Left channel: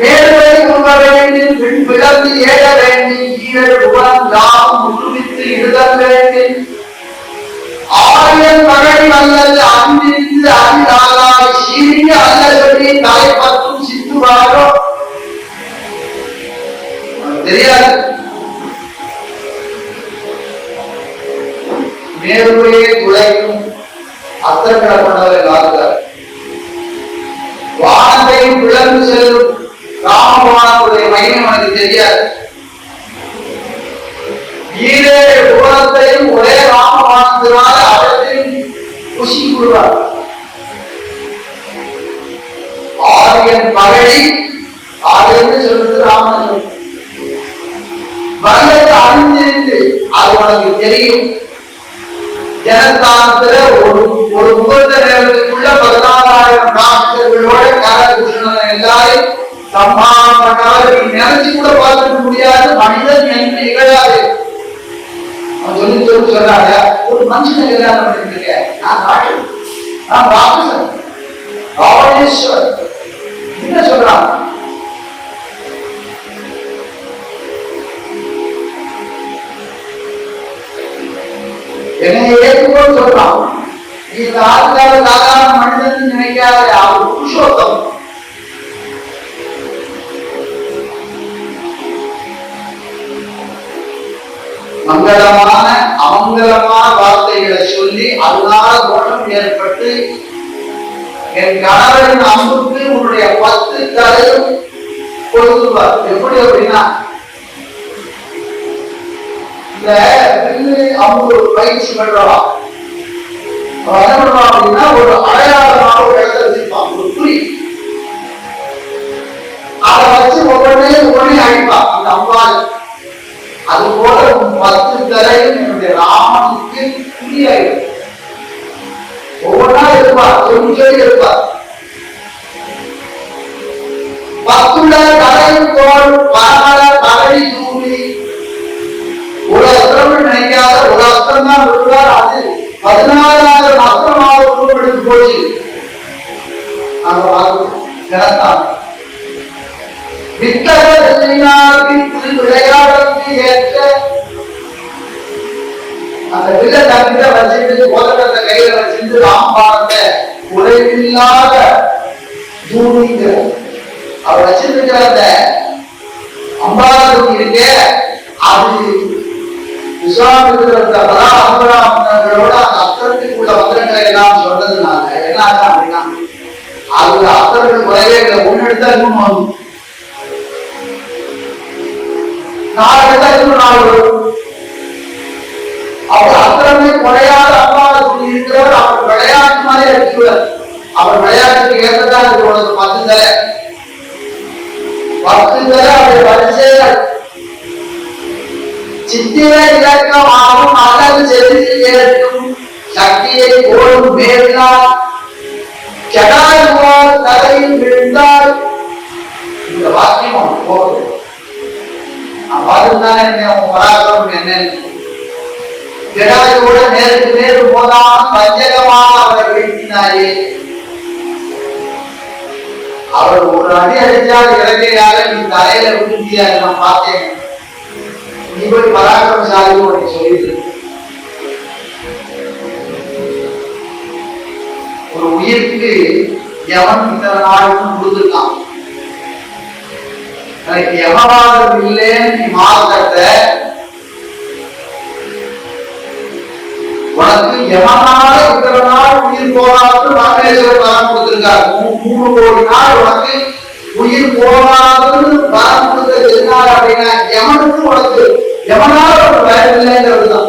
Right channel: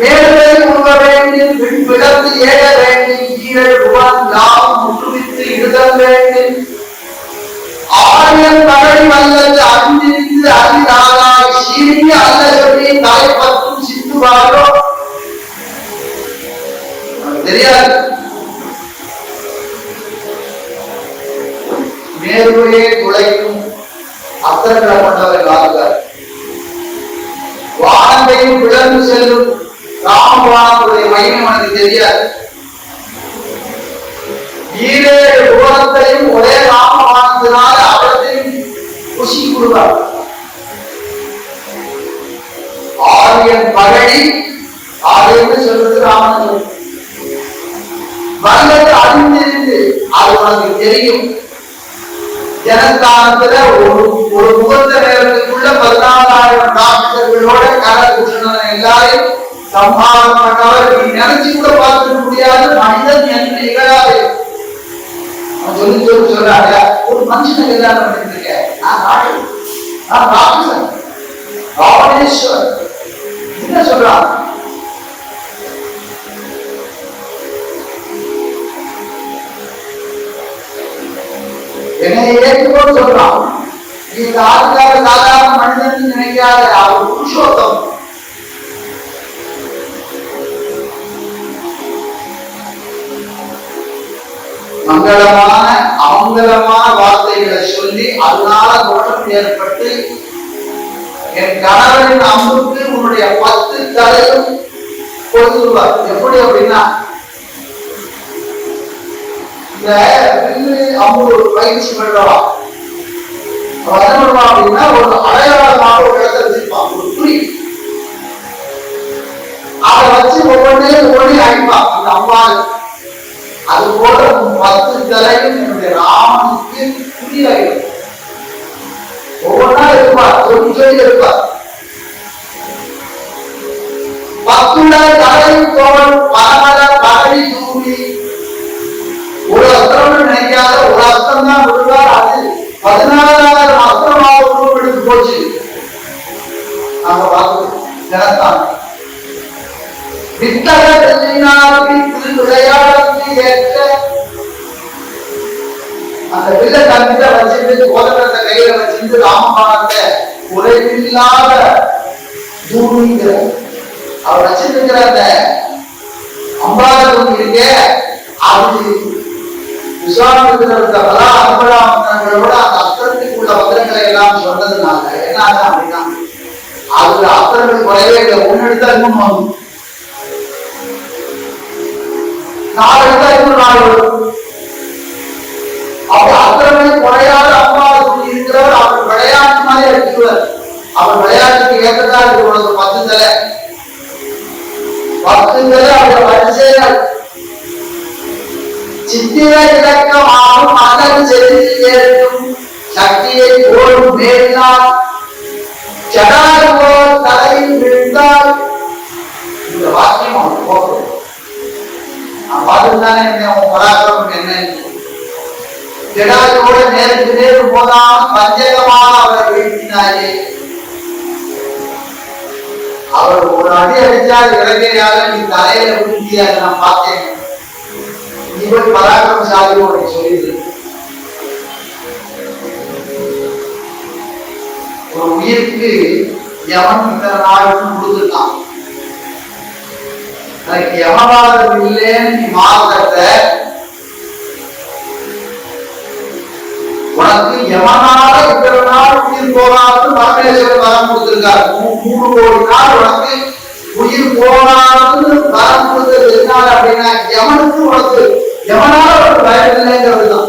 மேலுவை உருவ வேண்டும் பின் பிளந்து ஏழ வேண்டும் ஈரல் உவன் யாவும் முற்றுவித்து இடுதல் வேண்டும் ஆரியன் மகடி வல்லது அன்பிருந்து அறிந்தாராய் சீரிய அல்ல தலைப்பத்தும் சித்துவாரோ தெரியாது மேருவையே துளைக்கும் அத்தங்களை கொண்டவரை காத்தார் வானத்தையும் பிளந்து செல்லும் ராமபானத்துடைய மகிமை உனக்கு தெரியாது. ஈரேழு புவனத்தையும் ஒரே ராமபானத்தினால அவற்றின் குஷி கூறுவார் ஆரியன் பகழி ஆரியன் சொல்றது ராமன்? சொல்றது வல்லது அறிந்திருந்து அது உனக்கு தெரியும். ஜனத்தானத்துல ஒரு ஒரு முகூர்த்த நேரத்துக்குள்ள பதினாலாயிரம் டாக்டர்களோட கலர் எல்லாரும் எல்லாரையும் சம்ஹாரம் பண்ணவர் நீ நினைச்சு கூட பார்த்துக்க முடியாது மனிதன் என்று இகழாது அவன் சொல்லி சொல்லி சொல்றாங்க ஒரு மனுஷனை கல்யாணம் பண்ணிட்டு இருக்கேன் நான் ராட்சன் நான் ராட்சசன் ராவணேஸ்வர் என்ன சொல்றான் என்னை ஏற்றுக்கொண்டு சொல்றான் நீ இந்த ஆதிகால சாதாரண மனிதன் நினைக்காத மங்களமான அமங்கலமான வார்த்தைகளை சொல்லி அதனால தோஷம் ஏற்பட்டு என் கணவரின் அம்புக்கு உன்னுடைய பத்து தலையும் கொடுத்துருவார். எப்படி அப்படின்னா இந்த வில்லு அம்பு பயிற்சி பண்றவா அவன் என்ன பண்ணுவான் அப்படின்னா ஒரு அடையாளமாக ஒரு இடத்துல வச்சிருப்பான் ஒரு குறி. அதை வச்சு ஒவ்வொன்றையும் ஒளி அழிப்பான் அந்த அம்பாள் அது போல பத்து தலையும் என்னுடைய ராமனுக்கு குறியாயிடும் ஒவ்வொன்றா இருப்பார் ஒரு சொல்லி இருப்பார் பத்துள்ள தலையும் தோல் பரமல பகடி தூவி ஒரு அஸ்திரம் நினைக்காத ஒரு அஸ்திரம் தான் விடுவார் அது பதினாலாயிரம் அஸ்திரமாக உருவெடுத்து போச்சு நாங்க பார்க்கிறோம் ஜனத்தான் வித்தக திரு விளையாடத்து ஏற்ற அந்த வில்ல தங்கிட்ட வச்சுட்டு கோதகத்தை கையில வச்சிருந்து ராமபாணத்தை குறைவில்லாத தூணிங்கிற அவர் வச்சிருக்கிற அந்த அம்பாரத்துக்கு இருக்கே அது விஸ்வாமித்திரத்தை பல அம்பராமங்களோட அந்த அஸ்திரத்துக்கு உள்ள மந்திரங்களை எல்லாம் சொன்னதுனால என்ன ஆகும் அப்படின்னா அதுல அஸ்திரங்கள் குறைவே இல்லை ஒன்னு எடுத்தா இன்னொன்னு நாலு எடுத்தா இன்னும் நாலு வரும். அப்ப அத்திரமே குறையாத அம்மாவுக்கு இருக்கிறவர் அவர் விளையாட்டு மாதிரி இருக்கிறார் அவர் விளையாட்டுக்கு ஏற்றதா இருக்கு உனக்கு பத்து தலை பத்து தலை அவர் வரிசைகள் சித்திர இலக்கம் அல்லது செலுத்தி ஏற்கும் சக்தியை போடும் மேலினால் ஜடாயுவோ தலையில் விழுந்தால் இந்த வாக்கியம் அவனுக்கு போகும் நான் உன் பராக்கிரமம் என்னன்னு ஜடாயுவோட நேருக்கு நேரு போதான் பஞ்சகமாக அவரை வீழ்த்தினாயே. அவர் ஒரு அடி அடிச்சால் இறங்கையால நீ தலையில விழுந்தியா நான் பார்த்தேன். நீ போய் உனக்கு சொல்லிடு ஒரு உயிருக்கு எவன் இத்தனை நாள் கொடுத்துருக்கான். எனக்கு யமவாதம் இல்லைன்னு நீ உனக்கு எவனால இத்தனை நாள் உயிர் போனாலும் பரமேஸ்வரன் வரம் கொடுத்திருக்காரு. மூணு கோடி நாள் உனக்கு உயிர் போனாலும் வரம் கொடுத்தது எதனால அப்படின்னா எவனுக்கு உனக்கு எவனால உனக்கு பயம் இல்லைங்கிறதுதான்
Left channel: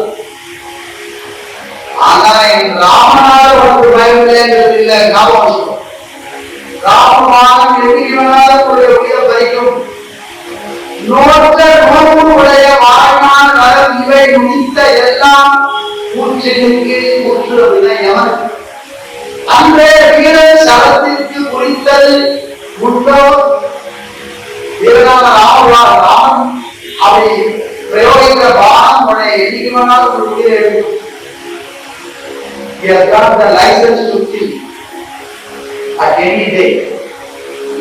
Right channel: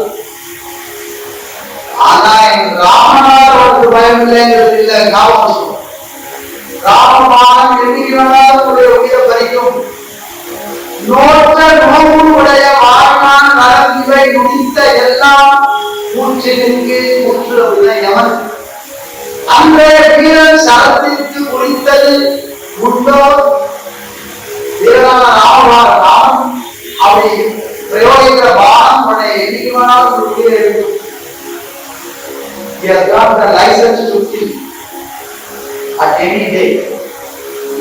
ஆனா என் ராமனால உனக்கு பயம் இல்லைங்கிறது இல்லை ஞாபகம் ராமன் ராமமானம் எண்ணிக்கை வேணாலும் உடைய உயிரை பறிக்கும்? நோற்ற நோவு உடைய வாழ்நாள் நலம் இவை முடித்த எல்லாம் மூச்சினுக்கு முற்று அப்படின்னா எவன் வீரன் சரத்திற்கு குறித்தது உண்டோ? வீரனான ராம ராமன் அப்படி பிரயோகிக்கிற பானம் உடைய என்னைக்கு ஒரு உயிரை எடுக்கும் He has got the license to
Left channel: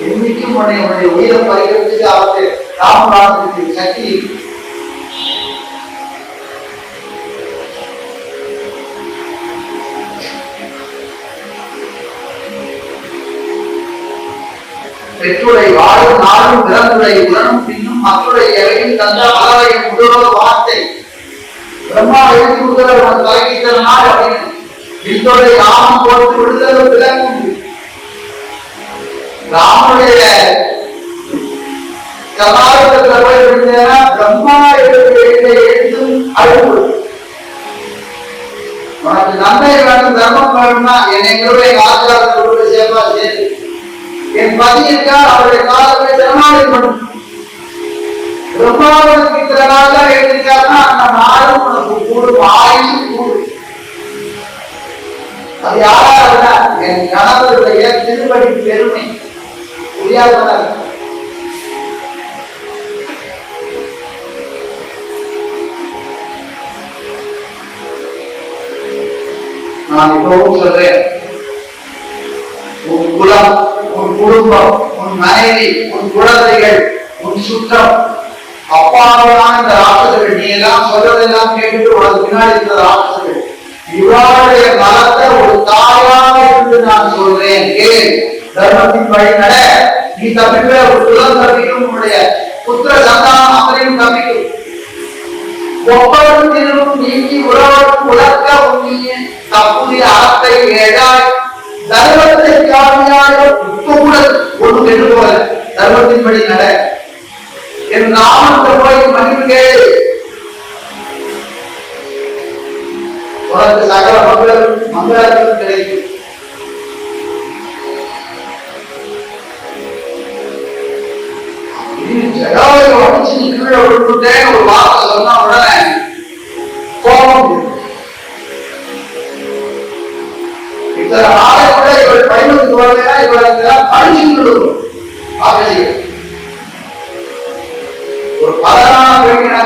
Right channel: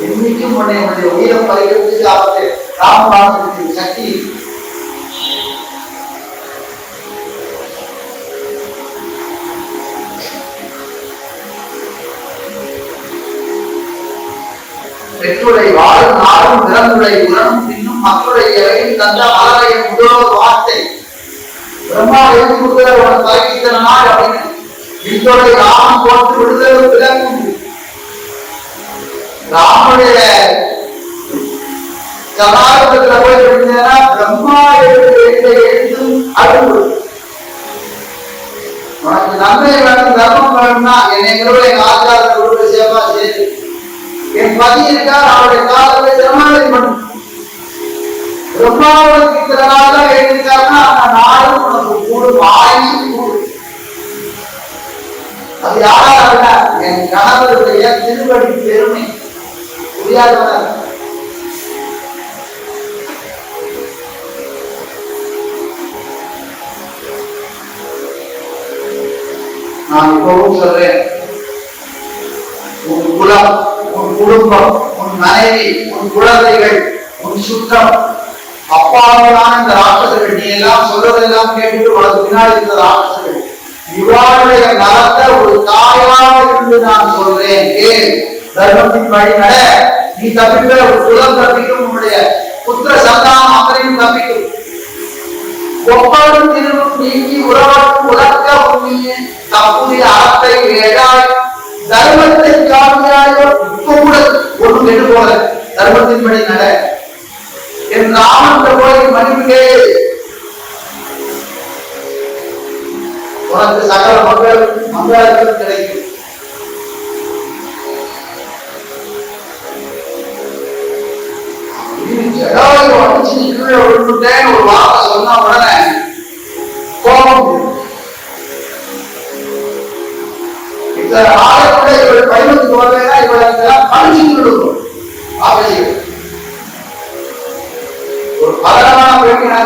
இன்னைக்கும் உயிரை பறிக்கிறதுக்கு ராமராமத்துக்கு சக்தி பெற்றுடை வாழும் நாளும் பிறந்துடை பின்னும் மக்களுடைய இறையும் தந்த மலரையும் முதல்வர் வார்த்தை பிரம்மா எழுதி கொடுக்கிற உனக்கு தலைக்கிற நாள் அப்படின்னு. வித்தோடை ராமன் போட்டு விடுதலை ராமனுடைய சமாளிப்பத்துல போய் விழுந்தேன்னா பிரம்மா எடுத்து எழுதும் அழுகு உனக்கு நன்மை வேணும் தர்மம் வேணும்னா என்னை நிறுவன எங்க ஆச்சாரத்தை கொண்டு சேப்பா சேரு என் பதி இருக்கா அவருடைய காலத்தை திருமணம் பண்ணும் பிரம்மாவுக்கு இத்தனை நாள் தான் எழுதிருக்காருன்னா அந்த நாளும் உனக்கு கூடும் ஆயுசும் கூடும். அது யாரா இருந்தா என் கணவருடைய திருப்படி பெருமை. புரியாதவனா நான் இப்பவும் சொல்றேன். உன் குலம் உன் குடும்பம் உன் மனைவி உன் குழந்தைகள் உன் சுற்றம். அப்பாவுதான் இந்த ராட்சசர்கள் நீ எல்லாம் சொல்றதெல்லாம் கேட்டுட்டு உனக்கு பின்னாடி இருந்த ராட்சசர்கள். இவருடைய நலத்தை ஒரு தாயாக இருந்து நான் சொல்றேன். கேள் தர்மத்தின் வழி நட. நீ தப்பிக்க ஒரு குலம் தப்பிக்கும் உன்னுடைய புத்திர சந்தானம் அத்தனையும் தப்பிக்கும். ஒவ்வொரு திரும்பும் நீங்கி உறவரும் உலக்க தப்புதிய அறத்தை ஏழாய் தர்மத்தை காவியாக கூட ஒரு கெட்டு போல? தர்மத்தின்படி நட. என் ராமன் போய் மன்னிப்பு உனக்கு சகல மங்களம் மங்களங்கள் கிடைக்கும். ஜடாவை உடச்சு கீழே விட்டுட்டேன்னு ஒரு வார்த்தை சொன்ன உடனே கோபம் இவள் பயணத்துக்கு ஒரு பதனான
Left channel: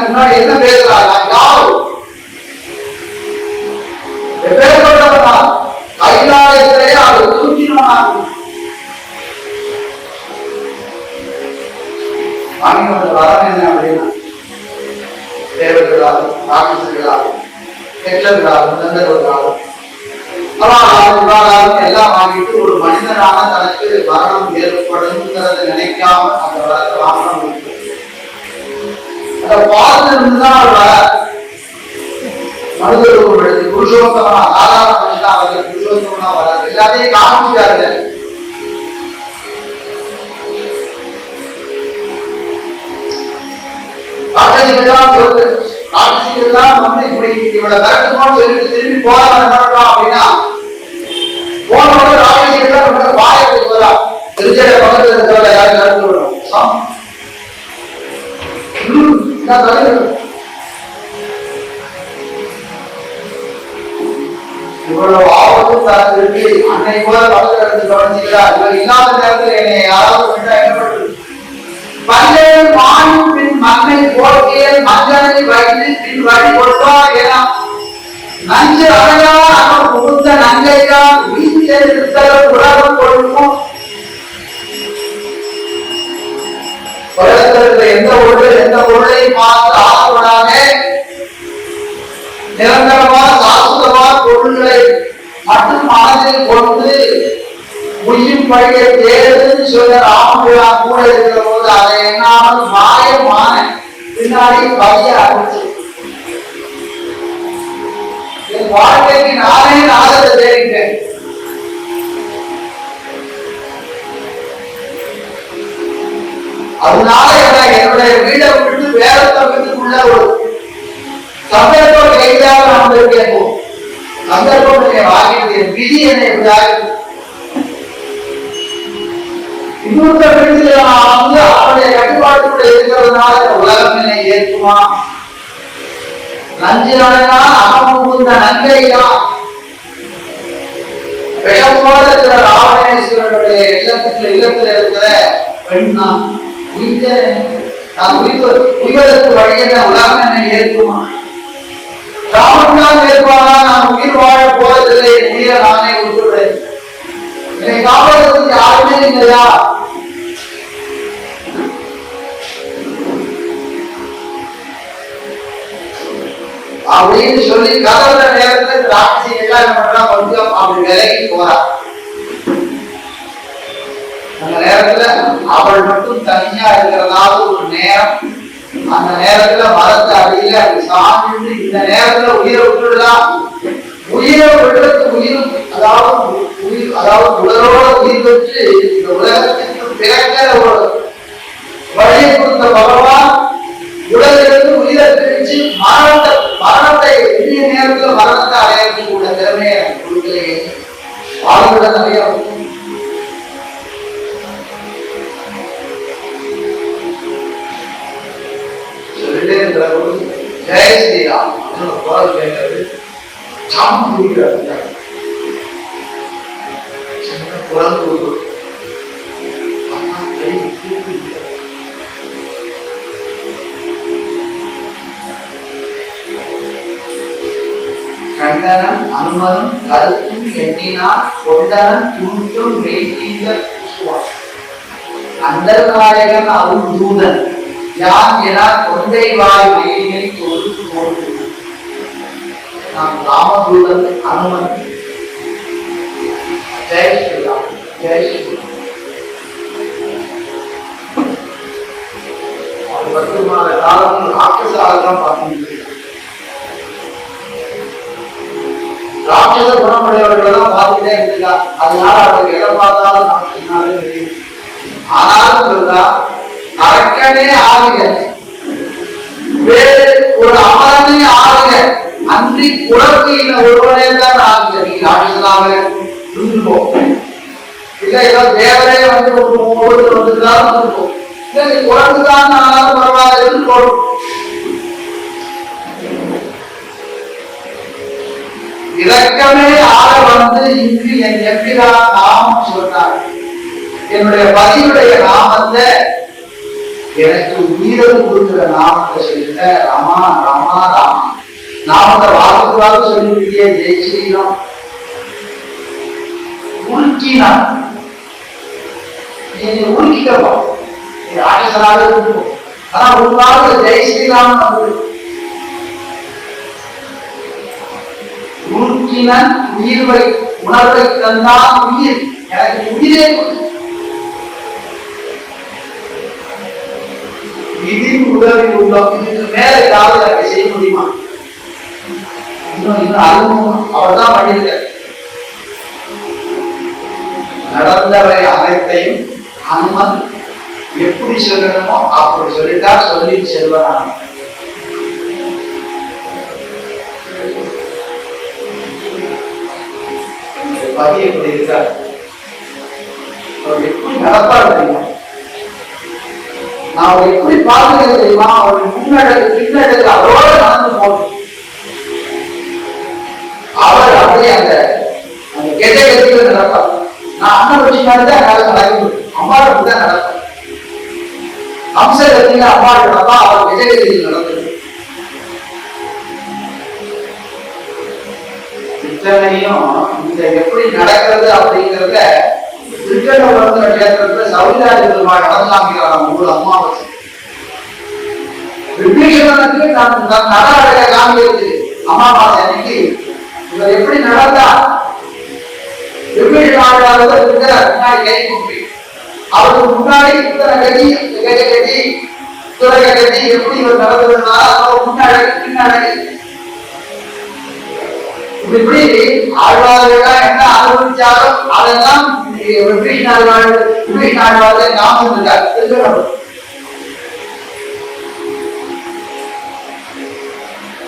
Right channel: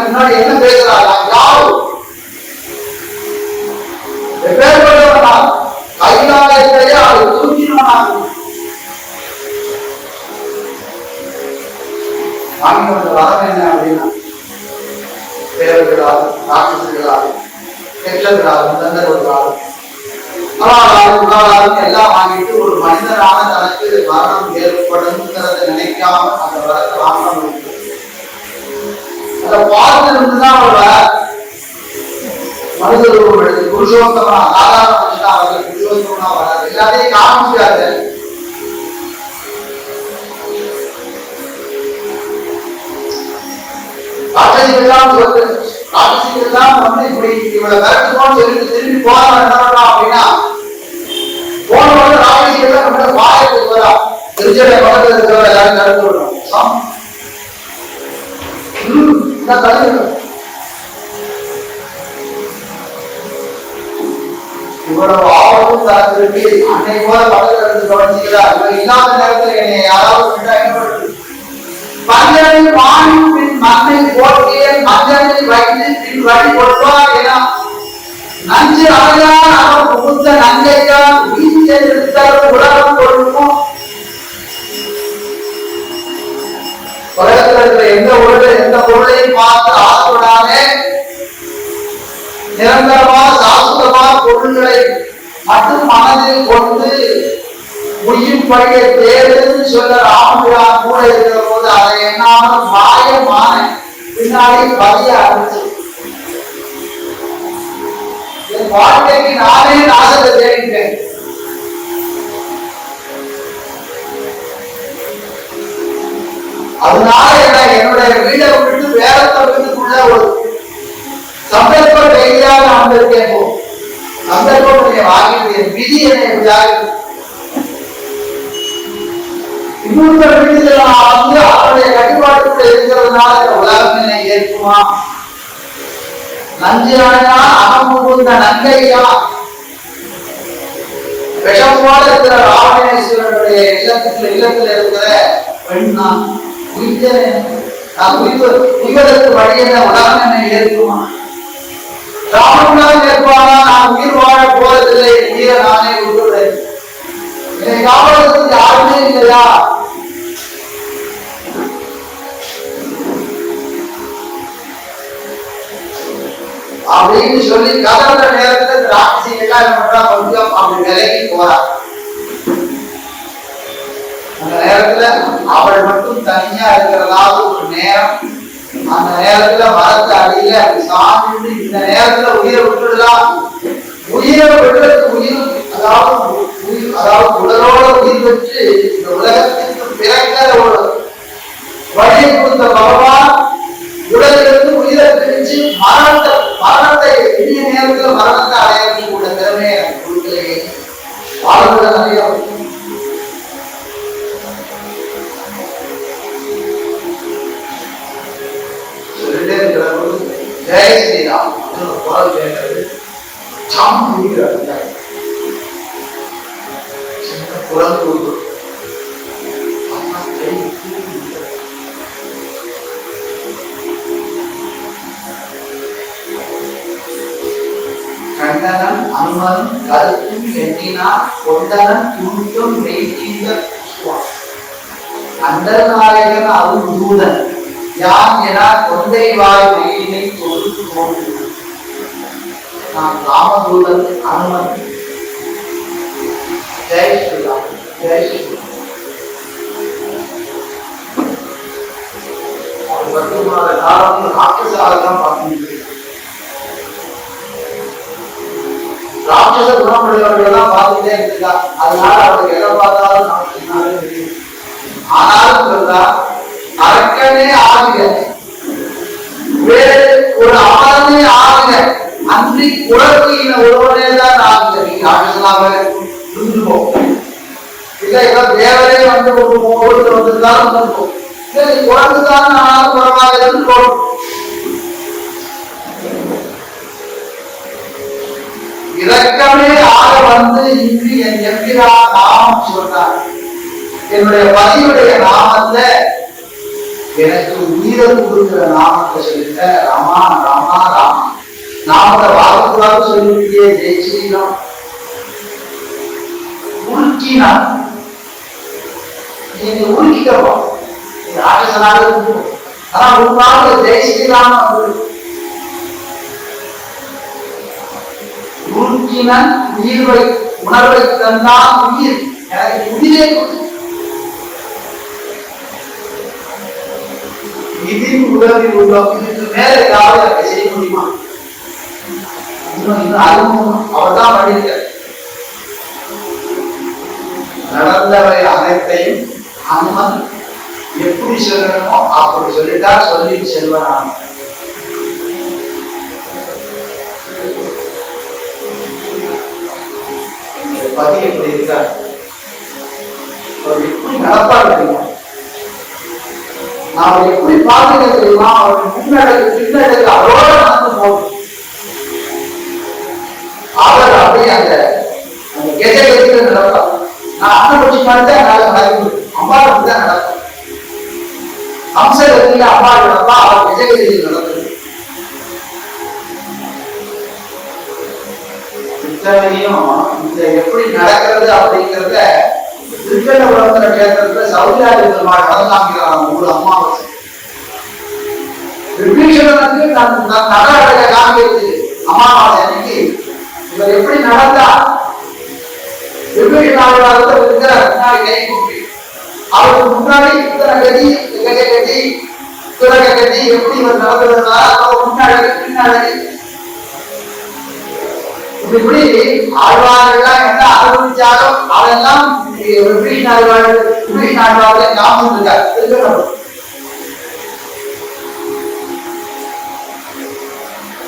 முன்னாடி என்ன பேசுறா நான் யாரு? எப்பேற்பட்டவனா? கைலாயத்திலேயே அதை தூக்கினவனாக வாங்கி வரம் என்ன அப்படின்னா தேவர்களாலும் ராட்சசர்களாலும் கெட்டர்களாலும் தந்தர்களாலும் அவாளாலும் எல்லாம் வாங்கிட்டு ஒரு மனிதனான தனக்கு மரணம் ஏற்படும் நினைக்காம அந்த வரத்தை வாங்கணும் இருக்கு அதை பார்த்து இருந்துதான் அவர் வர மனித ரூபம் எடுத்து புருஷோத்தமனா சாதாரண மனுஷனா அவர்கள் புருஷோத்தமனா வர எல்லாத்தையும் காமிச்சாரு ராட்சசிகள்லாம் வந்து இப்படி இவளை விரட்டுமோன்னு சொல்லிட்டு திரும்பி போறவன் என்ன பண்றான் அப்படின்னா போனவங்க ராட்சசிகள்லாம் நம்ம வாயத்துக்கு வரா. திருச்சடை பக்கத்துல இருக்கிறவங்க எல்லாரும் கருத்து விடும் என்ன தலைவர் இவ்வளவு ஆபத்து தனக்கு இருக்கு அன்னை போல பக்கத்துல இருந்து கவனிச்சுக்கிறா இவர் இல்லாத நேரத்துல என்னை யாராவது என்ன பண்றது? மண்ணை போட்டியல் மஞ்சளை வைத்து பின் வழி கொடுப்பார் என நஞ்சு அறையா அவர் புகுந்த நங்கையா வீசியல் இருத்தல் உலகம் கொடுக்கும். உலகத்தில் இருக்கிற எந்த ஒருவர் எந்த பொருளையும் பார்த்து ஆசைப்படாமே நிரந்தரமான சாஸ்வதமான பொருள்களை மட்டும் மனதில் கொண்டு உயிர் பழிய தேடுன்னு சொல்ல ராமபிரான் கூட இருக்கிற போது அதை எண்ணாமல் மாயமான பின்னாடி பதிய ஆரம்பிச்சு என் வாழ்க்கைக்கு நானே நாசத்தை தேடிட்டேன். அதனால என்ன என்னுடைய வீடை விட்டு வேறத்த வீட்டுக்குள்ள ஒரு சந்தர்ப்பம் கைதியாக அமர்ந்திருக்கேன் சந்தர்ப்பம் என்னை வாங்கிட்டு என் விதி என்னை எப்படியாவது இன்னொருத்தர் வீட்டில் வந்து அவருடைய கட்டுப்பாட்டுக்குள்ள இருக்கிறதுனால இந்த உலகம் என்னை ஏற்குமா நஞ்சினானா அகம் புகுந்த நங்கையா? விஷம் இருக்கிற ராவணேஸ்வரனுடைய இல்லத்துல இல்லத்துல இருக்கிற பெண் நான் உயிர்த்தேன். நான் உயிர் உய்வதற்கு வழி என்ன? உலகம் என்னை ஏற்குமா ராமன் ஏற்பானா நான் உயிர் வாழ போறதில்லை. என் உயிரை நானே விட்டுறேன் என்னை காப்பதற்கு யாருமே இல்லையா? அப்படின்னு சொல்லி கதவுற நேரத்துல இந்த ராட்சசிகள்லாம் என்ன பண்றா? கொஞ்சம் அப்படி விலகி போறா. அந்த நேரத்துல அவள் மட்டும் தனியா இருக்கிறதாவது ஒரு நேரம். அந்த நேரத்துல மரத்து அடியில சாமி இந்த நேரத்துல உயிரை விட்டுடலாம் உயிரை விடுறதுக்கு உயிரும் அதாவது உயிர் அதாவது உடலோட உயிர் பெற்று இந்த உலகத்திற்கு பிறக்கிற ஒரு வழியை கொடுத்த பகவான் உடலிலிருந்து உயிரை பிரிச்சு மரணத்தை மரணத்தை எளிய நேரத்தில் மரணத்தை அடையறதுக்கு உள்ள திறமையை எனக்கு கொடுக்கலையே. வாழ்வுல நிறைய ஜெய ஸ்ரீராம் குரல் கேட்கறது சம் புரிகிறது குரல் கண்டனம் அனுமனும் கருத்தும் எண்ணினான் கொண்டனம் துண்டும் மெய்தீந்த சுவான். அந்தர்நாயகன் அருள் தூதன். யான் என கொண்டை வாய் மயிலை தோல் தோன்று நான் ராமதூதன் அனுமன். ஜெய் ஸ்ரீராம் ஜெய் ஸ்ரீராம். பத்து மாத காலம் ராட்சசாக தான் பார்த்து ராட்சச குணமுடையவர்கள் எல்லாம் பார்த்துட்டே இருந்திருக்கா. அதனால அவருக்கு எதை பார்த்தாலும் ஆனாலும் சொல்றா அரக்கனே ஆகுக வேறு ஒரு அமரனே ஆகுக அன்றி குழந்தையின ஒருவனே தான் ஆகுக நீ ராட்சசனாக இருந்துருப்போம் இல்ல ஏதோ தேவரே வந்து ஒரு ஒவ்வொருத்தர் வந்துதான் இருக்கும் இல்ல நீ குழந்தைதான் ஆனாலும் பரவாயில்ல இருந்து போடும் இரக்கமே ஆக வந்து இங்கு என் எம்பிரான் நாமம் சொன்னார். என்னுடைய பதியுடைய நாமத்தை எனக்கு உயிரை கொடுக்கிற நாமத்தை சொல்லுங்க. ராமா ரமா ராமா. நாமத்தை வாக்கு வாக்கு சொல்லிருக்கே ஜெய் ஸ்ரீராம் உருக்கினான் நீ என்னை நீ ராட்சசனாக இருக்கும் ஆனா உன் ஜெய் ஸ்ரீராம் அப்படின்னு உருக்கினன் உயிர்வை உணர்வை தந்தான் உயிர். எனக்கு உயிரே இதில் உடலில் உள்ள இதுக்கு மேல ஏதாவது எனக்கு செய்ய முடியுமா? இன்னும் இன்னும் அறிமுகம் அவர் தான் பண்ணியிருக்கார். நடந்தவை அனைத்தையும் அனுமன் எப்படி சொல்லணுமோ அப்படி சொல்லிட்டார் சொல்லி செல்வனான். பதி எப்படி இருக்கார் அவர் எப்படி நடப்பார் தெரியுமா நான் அவர் எப்படி பார்க்கிறேன் தெரியுமா அவர் முன்னடக்கு பின்னடக்கு அதோட நடந்து போகும் அவர் அப்படியே அந்த அந்த கெட்ட கெட்டில நடப்பார் நான் அண்ணன் வச்சு மாதிரி தான் என்னால நடக்க முடியும் அம்மா தான் நடக்கும். அம்ச அம்மா நடப்பா அவர் கெஜ கத்தியில் நடக்கும். இத்தனையும் இத எப்படி நடக்கிறது அப்படிங்கிறத திருக்கண்டபுரத்துல கேட்கறதுல சௌரியாதி பெருமாள் நடந்து காமிக்கிறார் நம்ம ஊர் அம்மாவாசை விபீஷணனுக்கு நான் நட அழக காமிக்கிறது. அமாவாசை அன்னைக்கு இவர் எப்படி நடந்தா விபீஷணாவிடாத இருக்கிற முன்னாடி கை கூப்பி. அவருக்கு முன்னாடி இத்தனை கதி கஜ கதி துரக கதி எப்படி இவர் நடந்ததுன்னா அதோட முன்னாடி பின்னாடி. இப்படி ஆழ்வார்கள் என்ன அனுபவிச்சாலும் அதெல்லாம் விபீஷன் ஆழ்வார் விபீஷன் ஆழ்வார்கள் ஞாபகம் இருக்கார்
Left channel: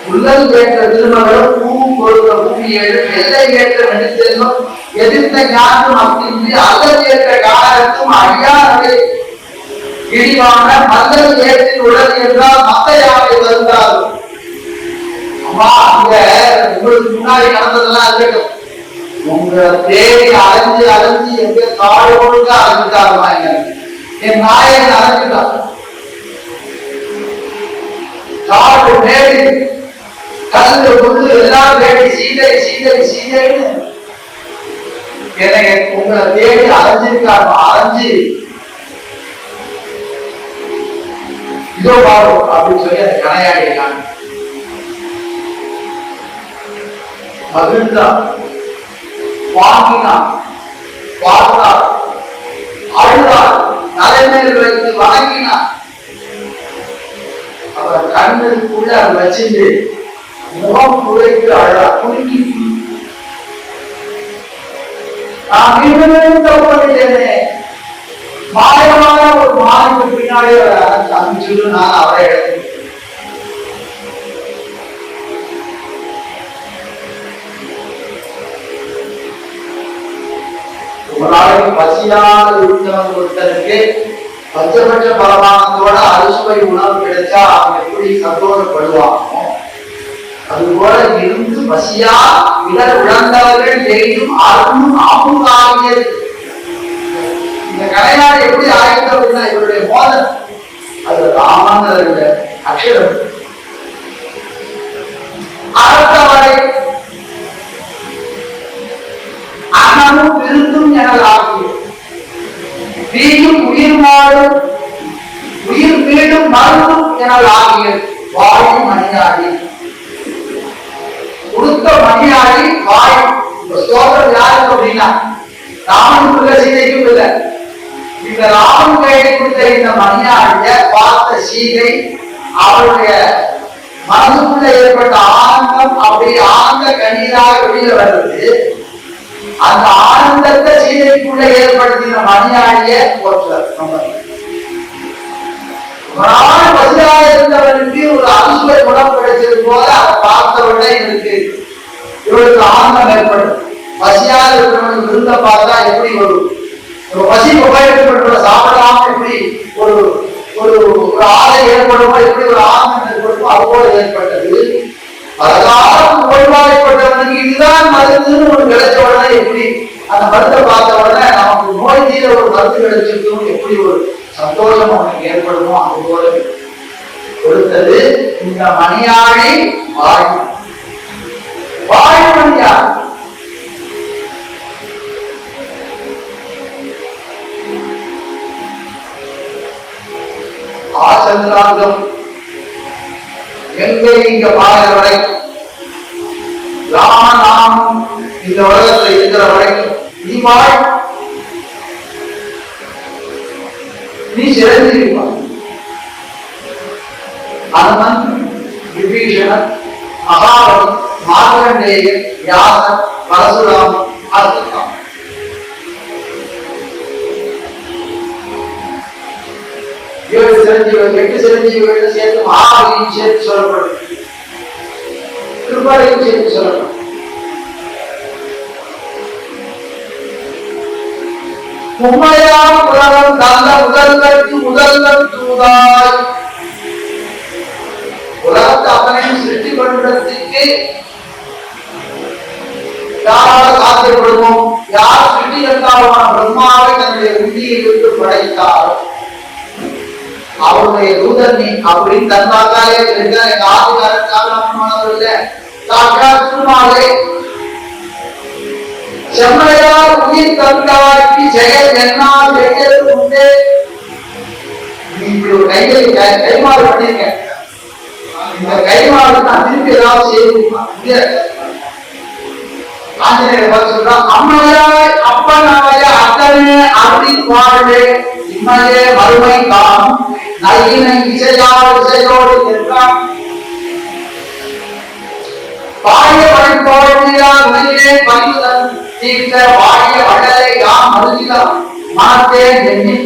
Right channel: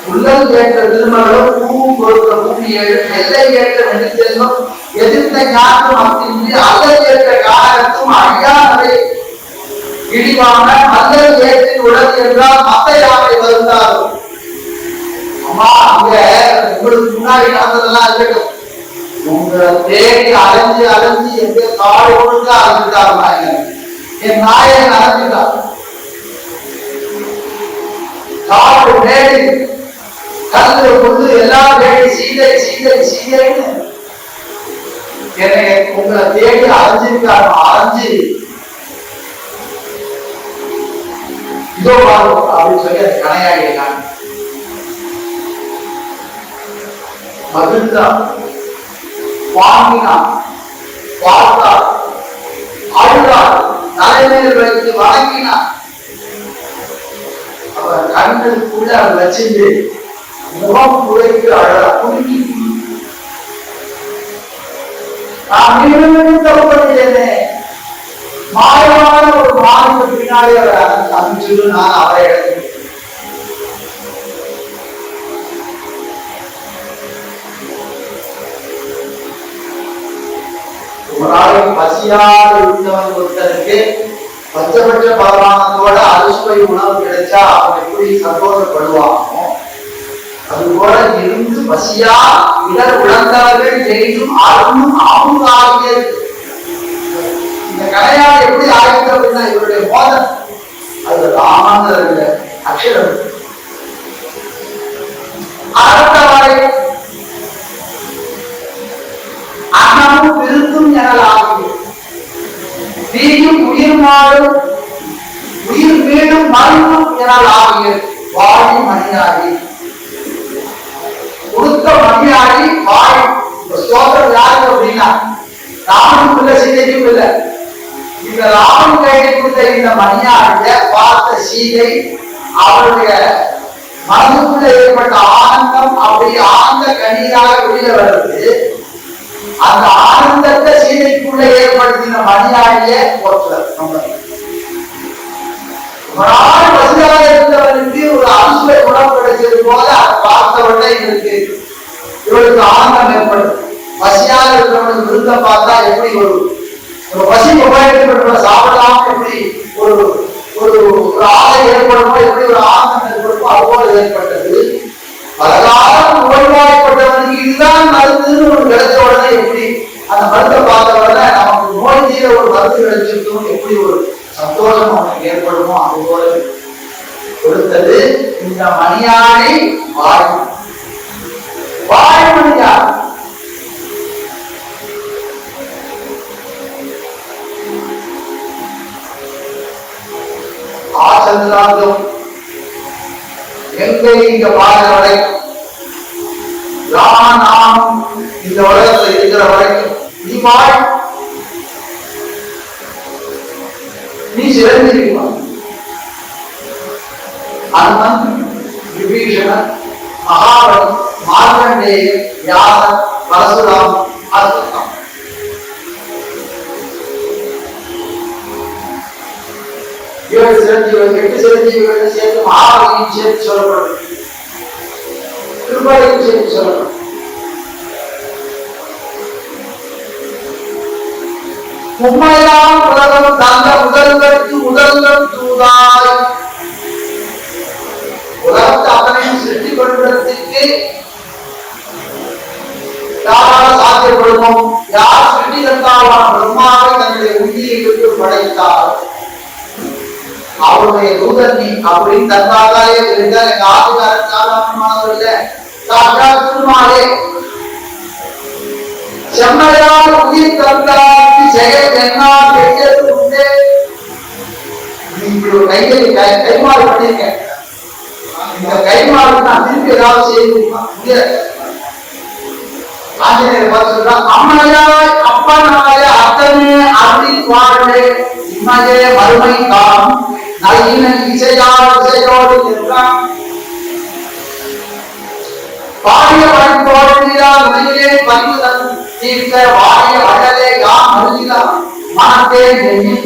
உள்ளல் ஏற்ற திருமகளும் பூவும் கொடுத்த பூமியேழும் எல்லை ஏற்ற நெடுச்செல்வம் எதிர்த்த ஞானம் அல்லல் ஏற்ற காரணத்தும் ஐயானவை இழிவான மல்லல் ஏற்றில் உடல் என்றால் மத்த யாரை வருந்தாலும்? அம்மா அங்க உங்களுக்கு முன்னாடி நடந்ததெல்லாம் இருக்கட்டும் உங்களை தேடி அலைஞ்சு அலைஞ்சு எங்க காடு ஒழுங்கா அலைஞ்சுட்டாருமா என் நாயன் அலைஞ்சுட்டான் காடு மேடி கல்லு புல்லு எல்லாம் வேண்டி சீதை சீதை சீதைன்னு என்னை உங்களை தேடி அலைஞ்சிருக்காரு அலைஞ்சு இதோ பாரு அப்படின்னு சொல்லி அந்த கனையாடியை காமி மகிழ்ந்தார் வாங்கினார். பார்த்தார் அழுதார். தலைமையில் வைத்து வணங்கினார். அவரை கண்களுக்குள்ள அதை வச்சுட்டு முகம் குறைக்கு அழ குலுக்கி நான் மீண்டும் மீண்டும் தப்பு மாயமான ஒரு மாதத்துக்கு பின்னாடி அவரை அனுப்பிச்சு நான் அவரை எடுத்தேன் ஒரு நாளைக்கு பசியால் இருந்தவன் ஒருத்தனுக்கு பச்சபட்ச பரமானத்தோட அறுசுவை உணவு கிடைச்சா அவன் எப்படி சந்தோஷப்படுவானோ? அது போல இருந்து பசியா இடர் உழந்தவர்கள் எய்தும் அருணும் ஆமுகாகியது இந்த கலையாடு எப்படி ஆயிடுது அப்படின்னா இவருடைய மோதல் அது ராமன் அக்ஷரம். அடுத்தவரை அன்னமும் விருந்தும் எனலாகும் வீயும் உயிர் மாடும் உயிர் மீண்டும் மருந்தும் எனலாகிய வாயும் மணியாடி கொடுத்த மணியாடி வாயும் ஸ்தோத்திரம் யாருக்கு அப்படின்னா ராமனுக்குள்ள சீதைக்கும் இல்லை. இந்த ராமன் கையில் கொடுத்த இந்த மணியாடிய பார்த்த சீதை அவருடைய மனதுக்குள்ள ஏற்பட்ட ஆனந்தம் அப்படி ஆனந்த கண்ணீராக வெளியில வருது. அந்த ஆனந்தத்தை சீதைக்குள்ள ஏற்படுத்தின மணியாடிய போற்றார் நம்ம. நாள் இருந்தவனுக்கு ஒரு அரிசுவை குணம் கிடைச்சது போல அதை பார்த்த உடனே இவருக்கு இவளுக்கு ஆனந்தம் ஏற்படும். பசியாக இருக்கிறவனுக்கு விருந்த பார்த்தா எப்படி ஒரு பசி உபயோகப்பட்டு சாப்பிடலாம் எப்படி ஒரு ஒரு ஒரு ஆசை ஏற்படுமோ எப்படி ஒரு ஆனந்தம் ஏற்படுமோ அது போல ஏற்பட்டது. பலகாலம் நோய்வாய்ப்பட்டவனுக்கு இதுதான் மருந்துன்னு ஒரு கிடைச்ச உடனே எப்படி? அந்த மருந்தை பார்த்த உடனே நமக்கு நோய் தீர ஒரு மருந்து கிடைச்சிருக்கும் எப்படி ஒரு சந்தோஷம் அவனுக்கு ஏற்படுமோ அது போல கொடுத்தது இந்த மணியாழி வாய் வாய் மணியார் ஆச்சந்திராங்கம் எங்கே இங்க பாடுற வரைக்கும் ராமநாமம் இந்த உலகத்துல இருக்கிற வரைக்கும். நீ பாய். நீ சிறந்திருப்பா. அனுமன் விபீஷணன் மகாபலி மார்கண்டேயன் வியாசன் பரசுராமன் அர்த்தம். ஏழு சிரஞ்சீவிகள் எட்டு சிரஞ்சீவிகள் சேர்த்து மகாபலியும் சேர்த்து சொல்லப்படும். திருப்பாலையும் சேர்த்து சொல்லப்படும் உண்மையாம் உலகம் தந்த முதல்வர்க்கு முதல்வர் தூதாய். உலகத்தை அத்தனையும் சிருஷ்டி கொள்வதற்கு யாரால் சாத்தியப்படுமோ? யார் சிருஷ்டிகர்த்தாவான பிரம்மாவை தன்னுடைய உந்தியை விட்டு படைத்தாரோ? அவருடைய தூதர் நீ அப்படின்னு தந்தாக்காலே இருக்க எங்க ஆதிகாரன் சாதாரணமானவர் இல்ல. சாட்சாத் சும்மாலே செம்மையார் உயிர் தந்தாய்க்கு செயல் என்ன செய்யறது உண்டு. நீ இப்படி ஒரு கையை கை கைமாறு பண்ணிருக்க இந்த கைமாறு நான் திருப்பி ஏதாவது செய்ய முடியாது. ஆஞ்சநேயர் பார்த்து சொல்றான் அம்மையாய் அப்பனாய அத்தனே அப்படி வாழ்வே இம்மையே மறுமை தான் நல்கினை இசையால் இசையோடு என்றான் பாடிய படைத்தோழ்வியால் உலகிலே பணிவுதன் தீர்த்த வாடிய வள்ளலே யாம் அருகிலாம் மனத்தே எண்ணி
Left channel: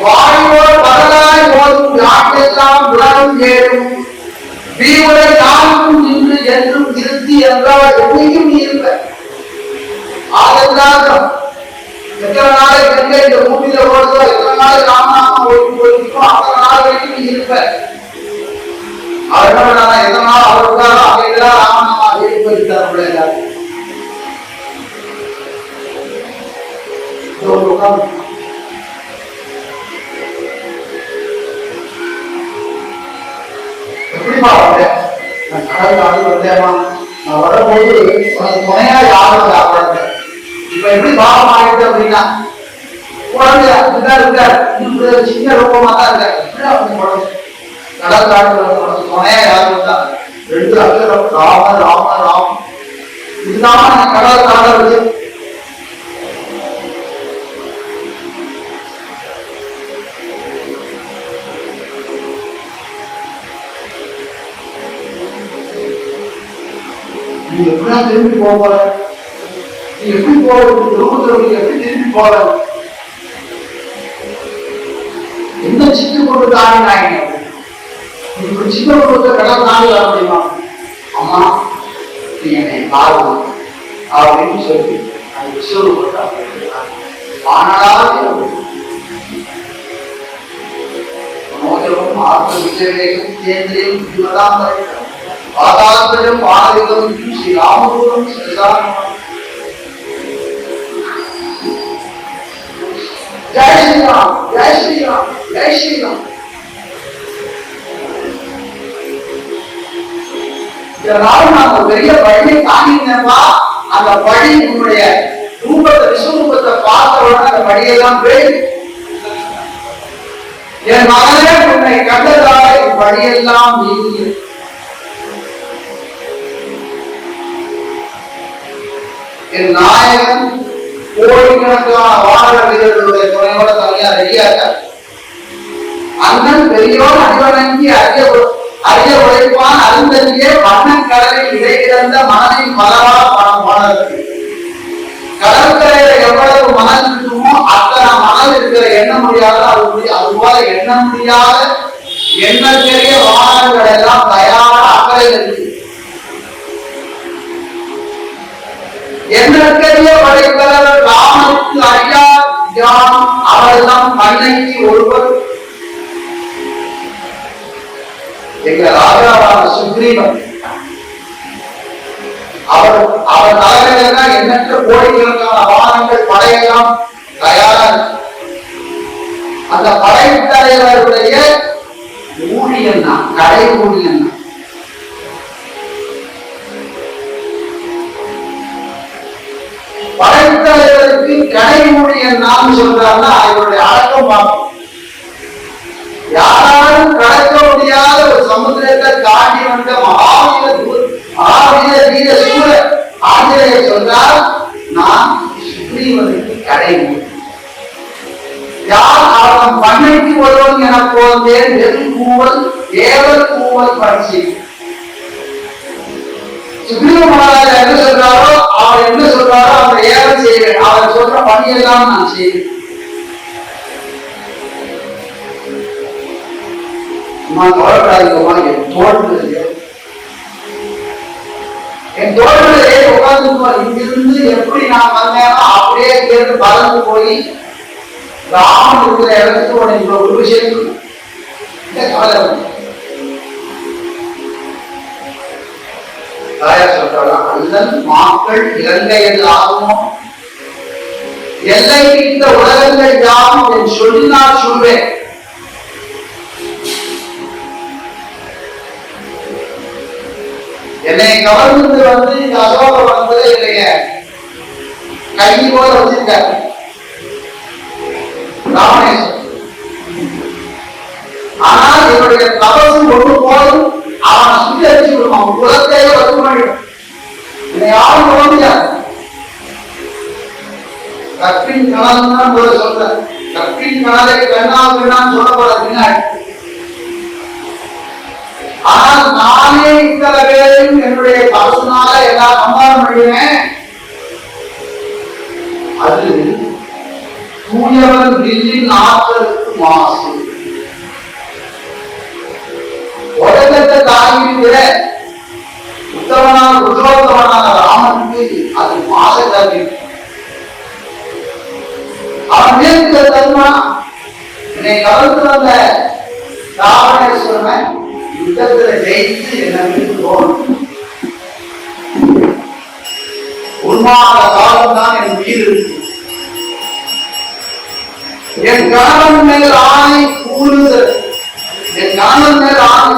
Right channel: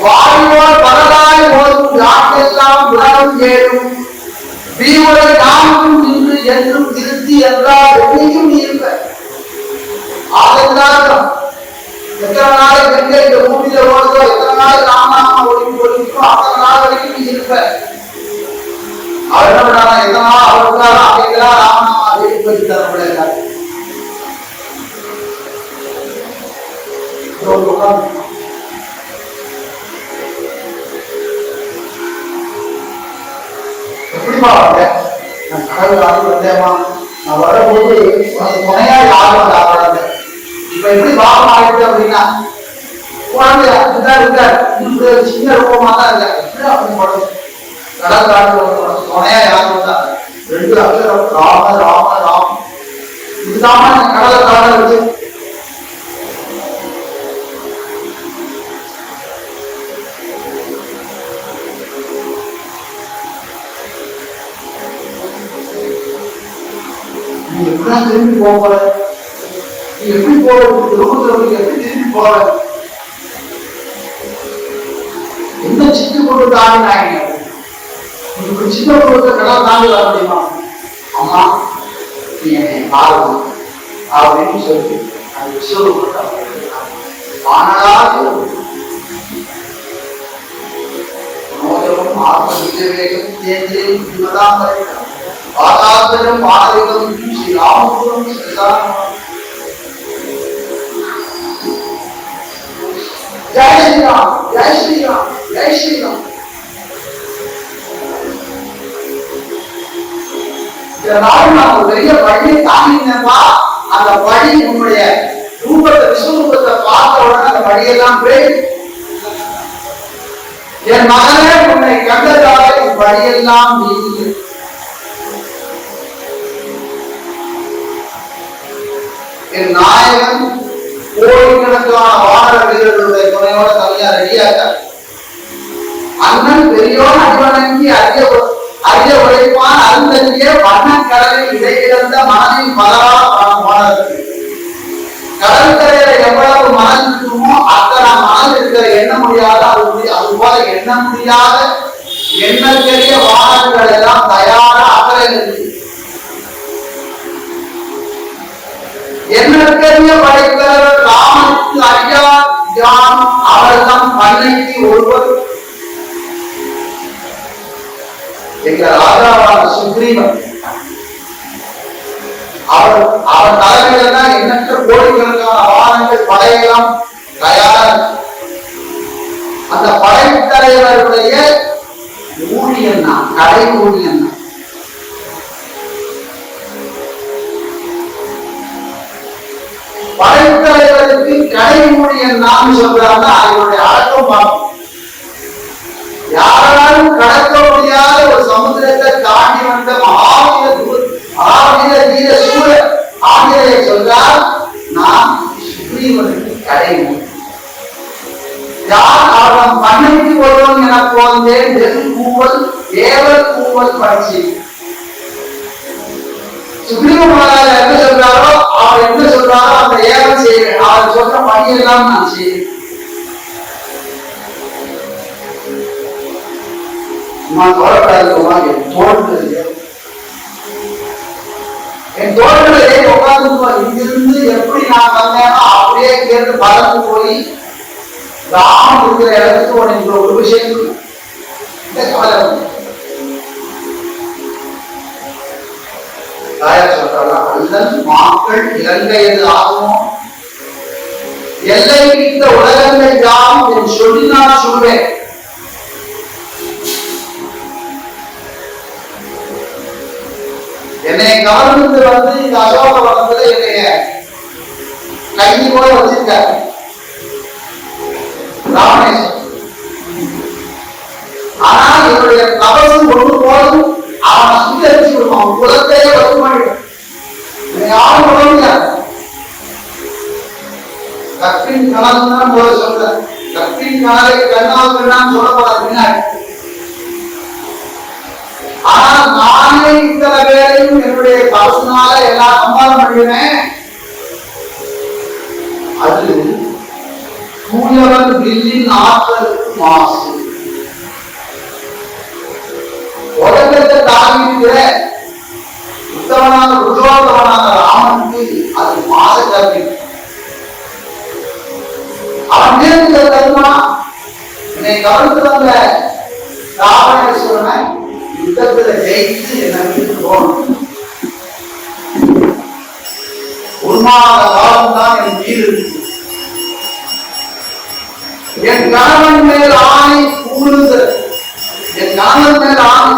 வாடியோர் பரலாய் ஓதும் யாட்டெல்லாம் உலகம் ஏறும் வீவுரை யாருக்கும் நின்று என்றும் திருத்தி என்றால் என்னையும் நீ இருப்ப ஆதலாக எத்தனை நாளைக்கு எங்க இந்த பூமியில ஓடுதோ எத்தனை நாள் ராமநாமா ஒழுங்கு ஒழுங்கிக்கோ அத்தனை நாள் வரைக்கும் நீ இருப்ப. அவர் என்ன பண்ணாரா எத்தனை நாள் அவர் இருக்காரோ அப்படிங்கிறா ராமநாமா தரப்பட உட்கார்ந்து எப்படிமா வந்தேன் நான் கடவுள் ஆண்டு நான் வரும்போது துணையா யாரும் வந்து இப்ப எப்படி பாவம் ஆயிடுது அப்படின்னா குழந்தை அப்படிதான் இருக்காரு இப்படி சின்ன ரூபமா தான் இருக்காரு இப்படி அப்படி படம் கடவுள் ஆண்டு துணையா யாரும் வந்தா ரெண்டு அக்ஷரம் ராம ராம ராம். இதுதான் என்ன கடலை தாண்ட வச்சு. நீ எப்படிதான் திரும்பி போக போற? எப்படி போறது? குடும்பத்துல எப்படி திரும்பி போறது? எந்த சிக்கி கொண்டு தாண்டினாங்க நீ இப்படி சின்ன குடும்பத்தை கடல் தாண்டி வர முடியுமா? அம்மா நீ என்னை பாருங்க அப்படின்னு சொல்லி அந்த விஸ்வரூபத்தை வானலாதி மனோஜமும் ஆத்ம விஜயவேகம் கேந்திரியம் புத்திமதாம் பாதாத்மஜம் வானவிகம் ஸ்ரீ ராமபுரம் ஸ்ரீராம ஜெய் ஸ்ரீராம் ஜெய் ஸ்ரீராம் ஜெய் ஸ்ரீராம் இதனால நான் ஒரு பெரிய பழியை தாங்கினேன்பா. அந்த பழி உன்னுடைய ரூபத்தை விஸ்வரூபத்தை பார்த்த உடனே அந்த பழியெல்லாம் போய் என் மகனே உன்னை கண்டதால உன் பழியெல்லாம் நீங்கிய என் நாயகன் கோடிக்கணக்கான வானர வீரர்களுடைய துணையோட தனியா ரெடியாக அண்ணன் பெரியோன் அடிவணங்கி அறிய அறிய உழைப்பான் அருந்தங்கே வண்ணன் கடலில் இடையிறந்த மனதின் பலவா பணம் போனது கடற்கரையில எவ்வளவு மனம் இருக்குமோ அத்தனை மனம் இருக்கிற எண்ண முடியாத அது அதுபோல அது போல எண்ண முடியாத வாகனங்கள் எல்லாம் தயாராக அக்கறையில் இருக்கு. என்னற்கரிய படைத்தலைவர் ராமனுக்கு அறியா யான் அவர்தம் பண்ணைக்கு ஒருவர். எங்க ராஜாவான சுக்ரீவன். அவர் அவர் தலைமையில எண்ணற்ற கோடிக்கணக்கான வாகனங்கள் படையெல்லாம் தயாரா அந்த படைத்தலைவருடைய ஊழியன் தான் கடை ஊழியன் படைத்தலைவருக்கு கடை ஊழியன் தான் சொல்றாங்கன்னா இவருடைய அடக்கம் பார்க்கணும் யாராலும் கடக்க முடியாத ஒரு சமுதிரத்தை தாண்டி வந்த மகாவீர தூ- மகாவீர வீர சூழ ஆஞ்சநேயர் சொன்னால் நான் சுக்ரீவனுக்கு கடை யார் அவன் பண்ணைக்கு ஒருவன் என போந்தேன் வெறும் கூவல் தேவர் கூவல் பட்சி சுக்ரீவ மகாராஜா என்ன சொல்றாரோ அவர் என்ன சொல்றாரோ அந்த ஏவல் செய்வேன். அவர் சொல்ற பணியெல்லாம் நான் செய்வேன். நான் தோழப்படாதுமா என் தோழர்களே என் தோழர்களே உட்கார்ந்து இங்கிருந்து எப்படி நான் வந்தேனோ அப்படியே இங்கிருந்து பறந்து போய் ராமன் இருக்கிற இடத்துக்கு உனக்கு ஒரு விஷயம் இந்த கவலை இல்லை. தாயார் சொல்றாளா அல்லன் மாக்கள் இலங்கையது ஆகுமோ எல்லை இந்த உலகங்கள் யாவும் என் சொல்லினால் சொல்வேன். என்னை கவர்ந்து வந்து இந்த அசோக வனத்துல என்னைய கைதி போல வச்சிருக்காரு. ராமேஸ்வரம். ஆனால் என்னுடைய தபசு ஒன்று போதும் அவன் சுத்தி விடுவான். உலகத்தையே வச்சு பண்ணிடும். யாரும் பண்ண முடியாது. கற்பின் கணல் தான் முதல்ல சொல்ற கற்பின் கணலை கண்ணால் கண்ணான்னு சொல்லப்படாது பின்னாடி. ஆனால் நானே இத்தனை பேரையும் என்னுடைய பசுனால எல்லாம் சம்பாதம் பண்ணுவேன் அது தூயவன் வில்லின் ஆற்றலுக்கு மாசு. உலகத்தை தாங்கியிருக்கிற உத்தமனான புருஷோத்தமனான ராமனுக்கு அது மாத கல்வி அவன் மேற்கு தருமா என்னை கவர்ந்து வந்த ராவணேஸ்வரனை யுத்தத்துல ஜெயித்து என்னை விட்டு போகணும் உண்மாத காலம் தான் என் உயிர் இருக்கு. என் கணவன் மேல் ஆணை புகுந்து என் கணவன் மேல் ஆணை